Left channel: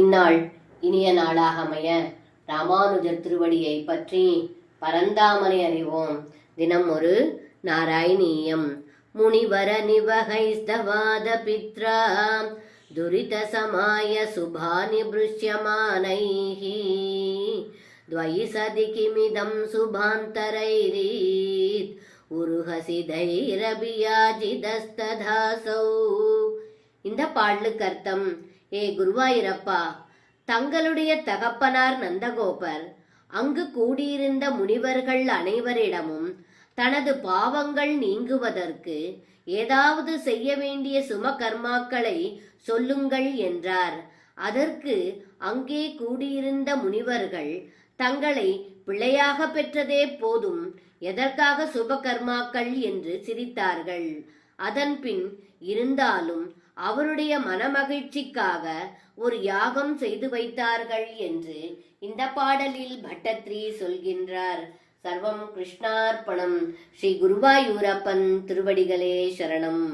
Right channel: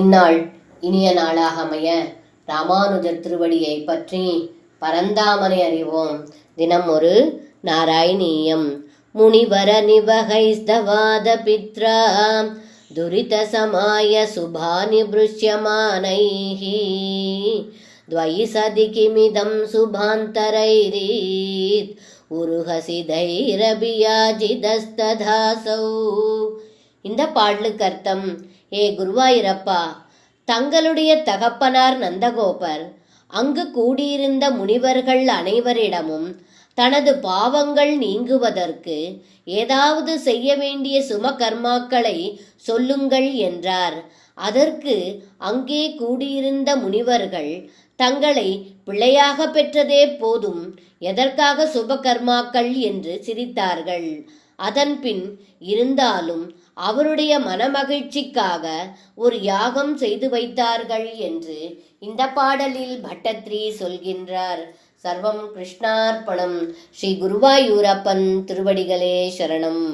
இந்நாள் இனிய நாளாக அமைய ராமானுஜர் திருவடியை பற்றி பரந்தாமனை அறிவோம். தினம் ஒரு நாராயணீயம். முனிவர நிவகைஸ்தவாத பித்ரா துரித சமாய சுபானி புருஷ்யமானைஹி துவைசதி கிமிதம் சுபாந்தரைரீத் உருஹசிதைரபியாஜிதஸ்ததாசௌ. இந்த பாடலுக்கு அர்த்தம்: ஏ குருவாயூரப்பா, தங்களுடைய தகப்பனார் நந்தகோபர் அங்கு கூடியிருந்த முனிவர்கள் அனைவரிடமும் தனது பாவங்கள் நீங்குவதற்கு ஏதாவது செய்ய வேண்டிய சும கர்மாக்களை சொல்லுங்கள் என்றார். அதற்கு அங்கே கூடியிருந்த முனிவர்கள் தங்களை பிள்ளையாக பெற்றதே போதும், எதற்காக சுப கர்மாக்கள் என்று சிரித்தார்கள். அதன்பின் இருந்தாலும் அவருடைய மனமகிழ்ச்சிக்காக ஒரு யாகம் செய்து வைத்தார்கள் என்று இந்த பாடலில் பட்டத்ரி சொல்கின்றார். சர்வம் கிருஷ்ணார்ப்பணம். ஸ்ரீ குருவாயூரப்பன் திருவடிகளே சரணம்.